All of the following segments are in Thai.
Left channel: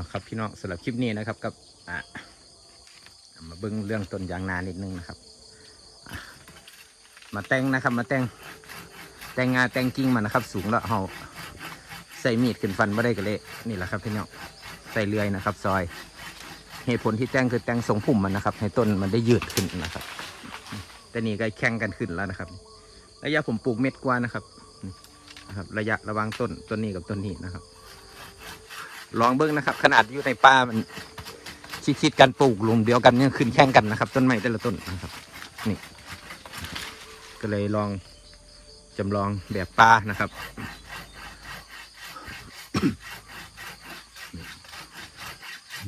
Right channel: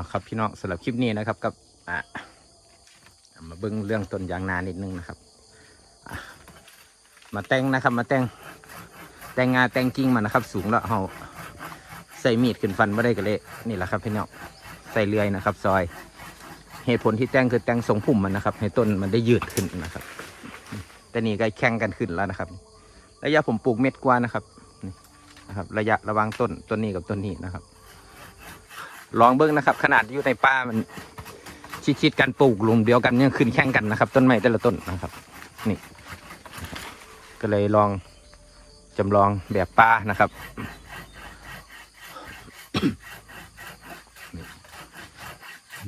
เอาครับพี่น้องสำหรับคลิปนี้นะครับกับอะมาเบิ้งเรื่องต้นยางนานิดนึงนะครับ มาแต่งนะครับ มาแต่งแต่งงาแต่งกิ่งมันนะครับ สูงแล้วเอาใส่มีดขึ้นฟันไม่ได้กันเลยนี่แหละครับพี่น้องใส่เลื่อยนะครับ ซอยเหตุผลที่แต่งคือแต่งทรงพุ่มมันนะครับ ให้ต้นมันได้ยืดขึ้นนะครับ แต่นี่ก็แข่งกันขึ้นแล้วนะครับ ระยะผมปลูกเม็ดกว่านะครับนะครับ ระยะระว่างต้นต้นนี้กับต้นนี้นะครับ ลองเบิ้งนะครับ ขนาดอยู่ในป่ามันชิดๆกันปลูกหลุมเดียวกันยังขึ้นแข่งกันนะครับ ต้นไม้แต่ละต้นนะครับนี่ก็เลยลองจำลองแบบป่านะครับ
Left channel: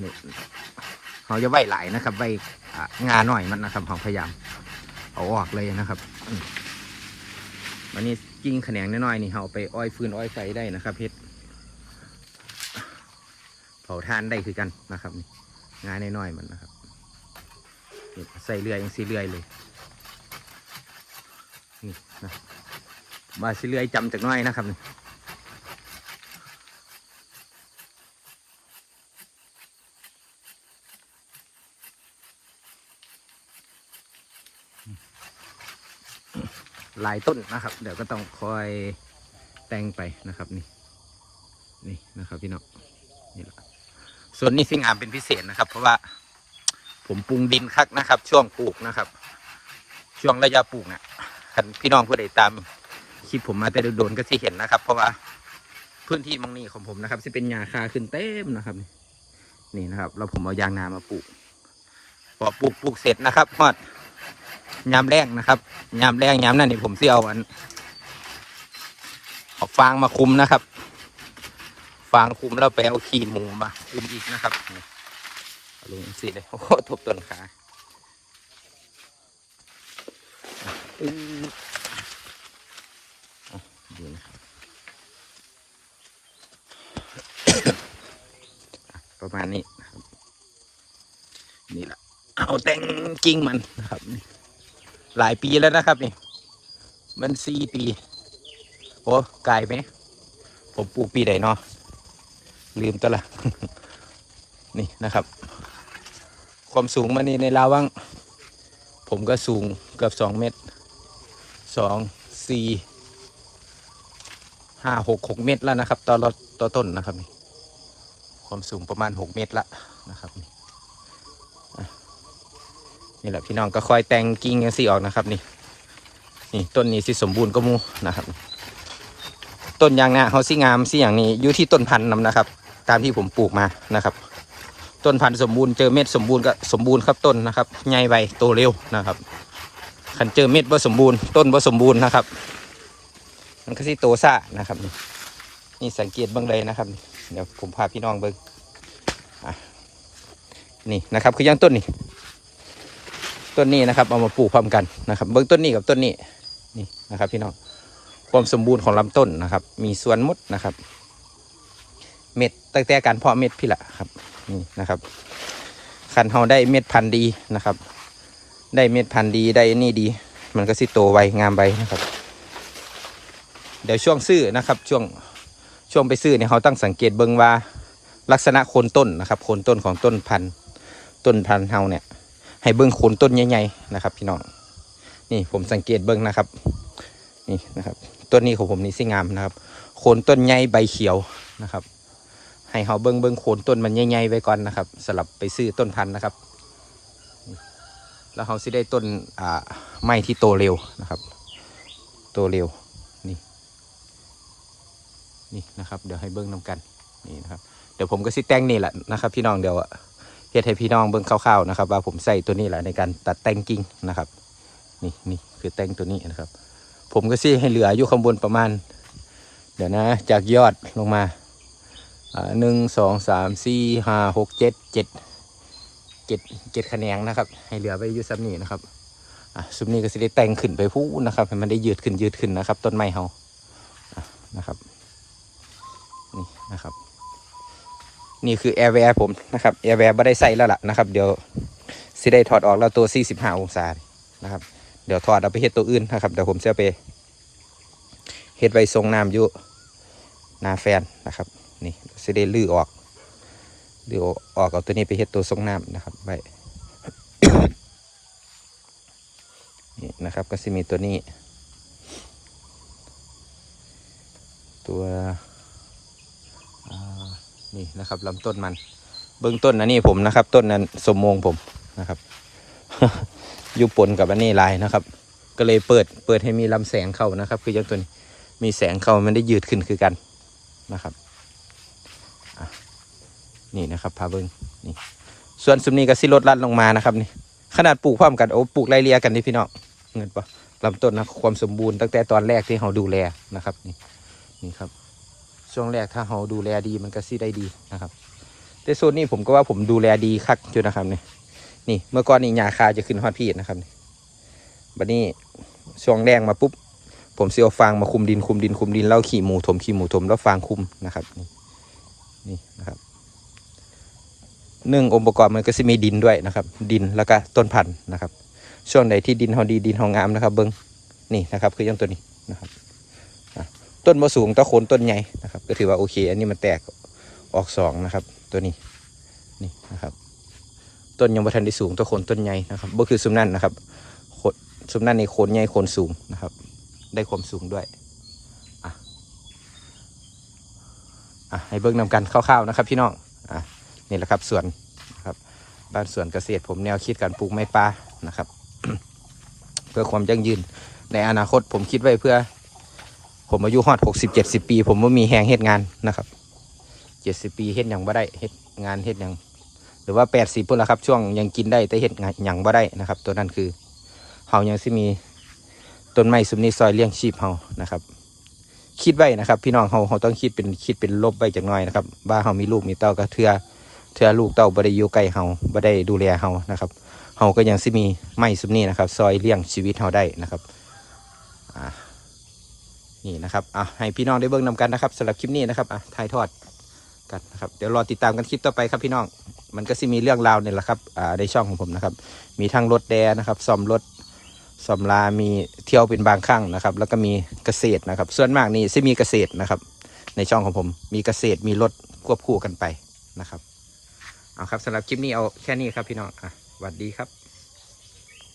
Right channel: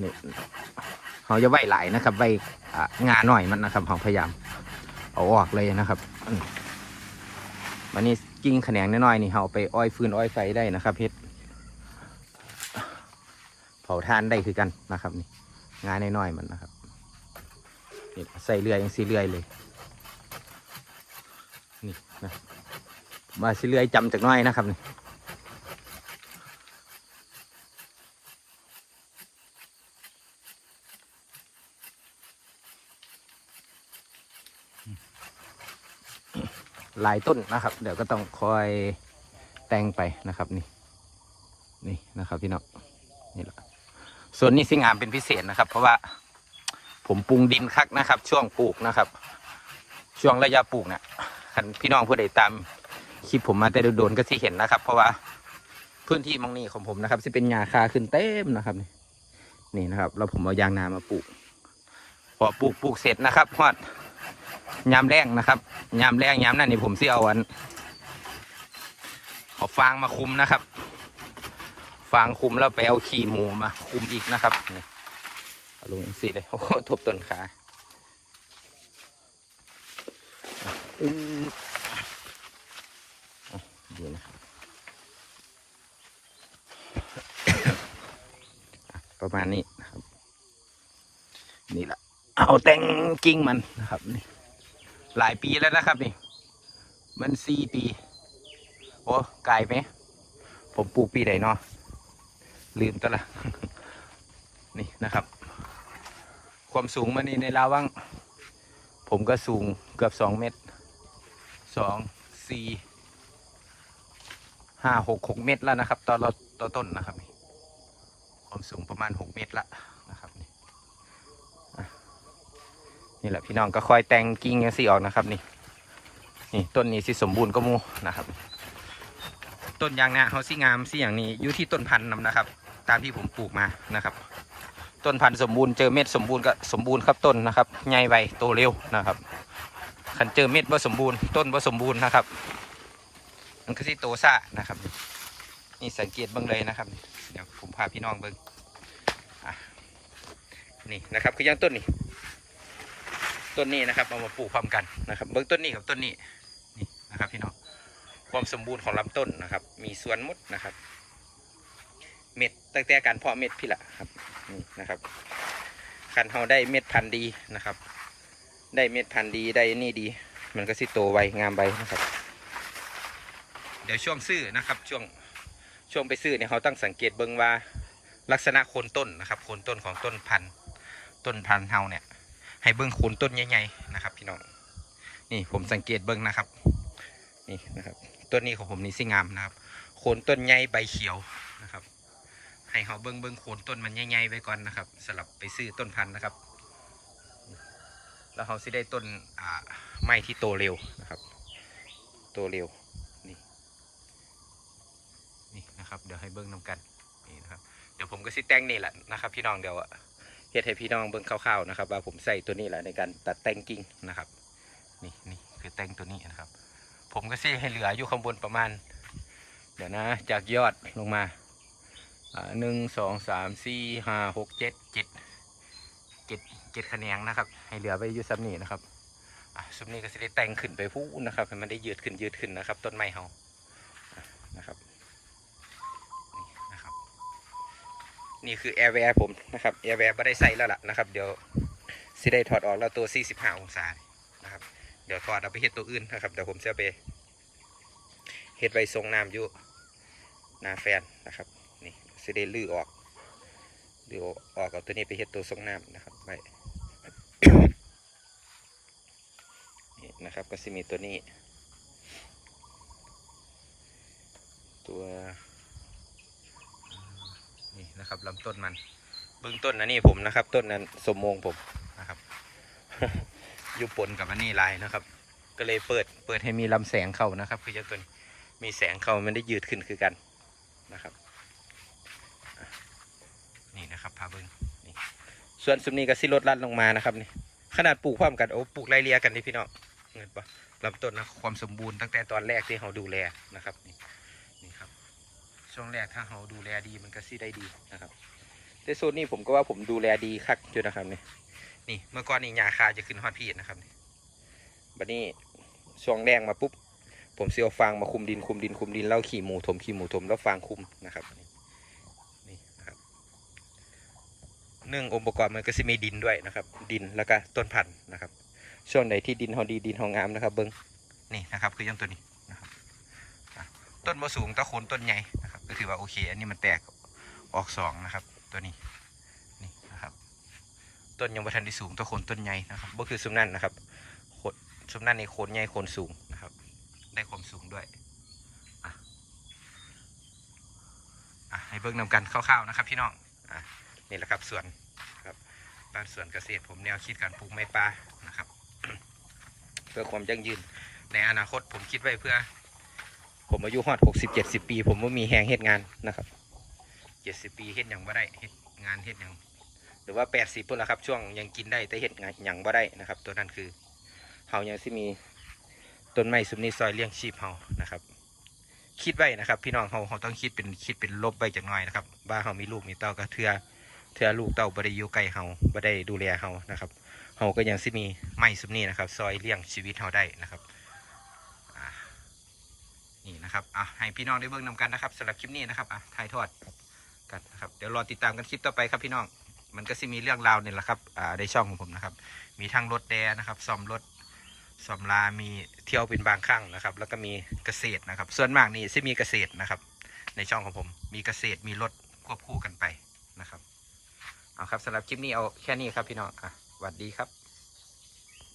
นี่เขาจะไหวหลายนะครับไหวงาหน่อยมันนะครับเขาพยายาม เอาออกเลยนะครับวันนี้กิ้งแขนงน้อยๆนี่เขาไปอ้อยฟืนอ้อยไฟได้นะครับเพชราทานได้คือกันนะครับนี่งานน้อยๆมันนะครับใส่เรือยังสีเรือยเลยนี่นะมาสีเรือยจำจากน้อยนะครับนี่หลายต้นนะครับ เดี๋ยวก็ต้องคอยแต่งไปนะครับนี่นี่นะครับพี่น้องนี่แหละ ส่วนนี้สิงามเป็นพิเศษนะครับ เพราะว่าผมปรุงดินคักนะครับ ช่วงปลูกนะครับ ช่วงระยะปลูกนะ่ะคันพี่น้องผู้ใดตามคลิปผมมาแต่โดนก็สิเห็นนะครับ เพราะว่าพื้นที่มองนี้ของผมนะครับจะเป็นหญ้าคาขึ้นเต็มนะครับ นี่นะครับ เราผมเอายางนามาปลูกพอปลูกปลูกเสร็จนะครับฮอดยามแรงนะครับยามแรงยามนั้นนี่ผมที่เอาอันเอาฟางมาคุมนะครับ ฟางคุมแล้วไปเอาขี้หมูมา คุมอีกนะครับลงสิเลยโอ้โหทบต้นขาอืมอะดีนะประมาณนี้นะครับ นี่แหละเอาแต่งกิงมันนะครับนี่หลายปีแล้วนะครับนี่ มันสี่ปี โอ้ไกลไหม ผมปลูกปีไหนเนาะ ลืมตัวละ นี่นะครับ ความสูงมันนี่ในลาวังผมก็สูงเกือบสองเมตรสองสี่ห้าหกหกเมตรแล้วนะครับตอรถต่อต้นนะครับนี่ความสูงประมาณหกเมตรละนะครับนี่นี่แหละพี่น้องก็คอยแต่งกิ่งยังสีออกนะครับนี่นี่ต้นนี้สิสมบูรณ์ก็มูนะครับ ต้นยางนาเขาสิงามสิอย่างนี้อยู่ที่ต้นพันธุ์นำนะครับ ตามที่ผมปลูกมานะครับ ต้นพันธุ์สมบูรณ์เจอเม็ดสมบูรณ์ก็สมบูรณ์ครับต้นนะครับใหญ่ไวโตเร็วนะครับขันเจอเม็ดว่าสมบูรณ์ต้นว่าสมบูรณ์นะครับ มันก็สิโตซ่านะครับนี่นี่สังเกตเบื้องเลยนะครับ เดี๋ยวผมพาพี่น้องเบิ้งอะนี่นะครับคือยังต้นนี่ต้นนี้นะครับเอามาปลูกพร้อมกันนะครับ เบื้องต้นนี้กับต้นนี้นี่นะครับ พี่น้องความสมบูรณ์ของลำต้นนะครับ มีส่วนมดนะครับ เม็ดตั้งแต่การเพาะเม็ดพี่ละครับนี่นะครับคันเฮาได้เม็ดพันธุ์ดีนะครับ ได้เม็ดพันธุ์ดีได้นี่ดี มันก็สิโตไวงามไวนะครับ เดี๋ยวช่วงซื้อนะครับ ช่วงช่วงไปซื้อเนี่ยเขาตั้งสังเกตเบิ่งว่าลักษณะโคนต้นนะครับโคนต้นของต้นพันธุ์ต้นพันธุ์เฮาเนี่ยให้เบิ่งโคนต้นใหญ่ๆนะครับ พี่น้องนี่ผมสังเกตเบิ่งนะครับนี่นะครับต้นนี้ของผมนี่สิงามนะครับ โคนต้นใหญ่ใบเขียวนะครับ ให้เขาเบิ้งเบิ้งโคนต้นมันใหญ่ๆไว้ก่อนนะครับสลับไปซื้อต้นพันธุ์นะครับ แล้วเขาสิได้ต้นอ่าไม้ที่โตเร็วนะครับ โตเร็วนี่นี่นะครับ เดี๋ยวให้เบิ้งนำกันนี่นะครับ เดี๋ยวผมก็สิแต่งนี่แหละนะครับ พี่น้องเดี๋ยวเฮ็ดให้พี่น้องเบิ้งคร่าวๆนะครับ ว่าผมใส่ตัวนี้แหละในการตัดแต่งกิ่งนะครับนี่นี่คือแต่งตัวนี้นะครับ ผมก็ซี่ให้เหลืออยู่ข้างบนประมาณ เดี๋ยวนะ จากยอดลงมา หนึ่งสองสามสี่ห้าหกเจ็ดเจ็ดเจ็ดเจ็ดคะแนนนะครับ ให้เหลือไปอยู่ซ้ำนี้นะครับอะซุมนี้ก็สิได้แต่งขึ้นไปพูนะครับให้มันได้ยืดขึ้นยืดขึ้นนะครับ ต้นไม้เฮานะครับนี่นะครับนี่คือแอร์แวร์ผมนะครับแอร์แวร์ไม่ได้ใส่แล้วล่ะนะครับ เดี๋ยวสิได้ถอดออกแล้วตัว 45 องศานะครับ เดี๋ยวถอดเอาไปเฮ็ดตัวอื่นนะครับเดี๋ยวผมจะไปเฮ็ดไว้ทรงน้ำอยู่นาแฟนนะครับ สิได้ลื้อออกเดี๋ยวออกเอาตัวนี้ไปเฮ็ดตัวทรงน้ำนะครับไว้นี่นะครับก็จะมีตัวนี้ ตัวอ่านี่นะครับลำต้นมัน เบื้องต้นอันนี้ผมนะครับ ต้นนั้นสมมงผมนะครับอยู่ปนกับอันนี้ลายนะครับ ก็เลยเปิดเปิดให้มีลำแสงเข้านะครับ คือยังตัวนี้มีแสงเข้ามันได้ยืดขึ้นคือกันนะครับ นี่นะครับพาเบิ้งนี่ส่วนซุมนี้ก็สิลดลัดลงมานะครับนี่ขนาดปลูกพร้อมกันโอ้ปลูกไล่เลียกันนี่พี่น้องเงินปะลำต้นนะความสมบูรณ์ตั้งแต่ตอนแรกที่เราดูแลนะครับนี่นี่ครับ ช่วงแรกถ้าเราดูแลดีมันก็สิได้ดีนะครับ แต่โซนนี้ผมก็ว่าผมดูแลดีคักอยู่นะครับนี่นี่เมื่อก่อนนี่หญ้าคาจะขึ้นฮอดพีดนะครับนี่บัดนี้ช่วงแดงมาปุ๊บผมเสียวฟางมาคุมดินคุมดินคุมดินแล้วขี่หมูถมขี่หมูถมแล้วฟางคุมนะครับนี่นี่นะครับ หนึ่งองค์ประกอบมันก็จะมีดินด้วยนะครับ ดินแล้วก็ต้นพันธุ์นะครับ ช่วงไหนที่ดินเฮาดีดินเฮางามนะครับ เบิ้งนี่นะครับ คือยังตัวนี้นะครับต้นมะสูงตะโคนต้นใหญ่นะครับ ก็ถือว่าโอเค อันนี้มันแตกออกสองนะครับ ตัวนี้นี่นะครับ ต้นยังบ่ทันได้สูงตะโคนต้นใหญ่นะครับบ่คือซุมนั่นนะครับคนซุมนั่นในโคนใหญ่โคนสูงนะครับ ได้ความสูงด้วยอะอะให้เบิ่งนำกันคร่าวๆนะครับพี่น้อง นี่แหละครับสวนครับบ้านสวนเกษตรผมแนวคิดการปลูกไม้ป่านะครับ เพื่อความยั่งยืน ในอนาคตผมคิดไว้เพื่อ ผมอายุฮอดหกสิบเจ็ดสิบปี ผมว่ามีแหงเฮ็ดงานนะครับเจ็ดสิบปีเฮ็ดหยังบ่ได้เฮ็ดงานเฮ็ดหยังหรือว่าแปดสิบพุ่นละครับ ช่วงยังกินได้แต่เฮ็ดงานหยังบ่ได้นะครับ ตัวนั้นคือเฮายังสิมีต้นไม้ซุมนี้ซอยเลี้ยงชีพเฮานะครับ คิดไว้นะครับ พี่น้องเฮาเฮาต้องคิดเป็นคิดเป็นลบไว้จากหน่อยนะครับว่าเฮามีลูกมีเต้าก็เทือ เทือลูกเต้าบ่ได้อยู่ใกล้เฮาบ่ได้ดูแลเฮานะครับเฮาก็ยังสิมีไม้ซุมนี้นะครับ ซอยเลี้ยงชีวิตเฮาได้นะครับอ่านี่นะครับอะให้พี่น้องได้เบิ่งนำกันนะครับสำหรับคลิปนี้นะครับอะถ่ายทอดกันนะครับเดี๋ยวรอติดตามกันคลิปต่อไปครับพี่น้องมันก็สิมีเรื่องราวเนี่ยแหละครับอ่าในช่องของผมนะครับ มีทั้งรถแดนะครับซ่อมรถสำรามีเที่ยวเป็นบางครั้งนะครับ แล้วก็มีเกษตรนะครับ ส่วนมากนี่จะมีเกษตรนะครับ ในช่องของผมมีเกษตรมีรถควบคู่กันไปนะครับ เอาครับสำหรับคลิปนี้เอาแค่นี้ครับพี่น้องอะสวัสดีครับ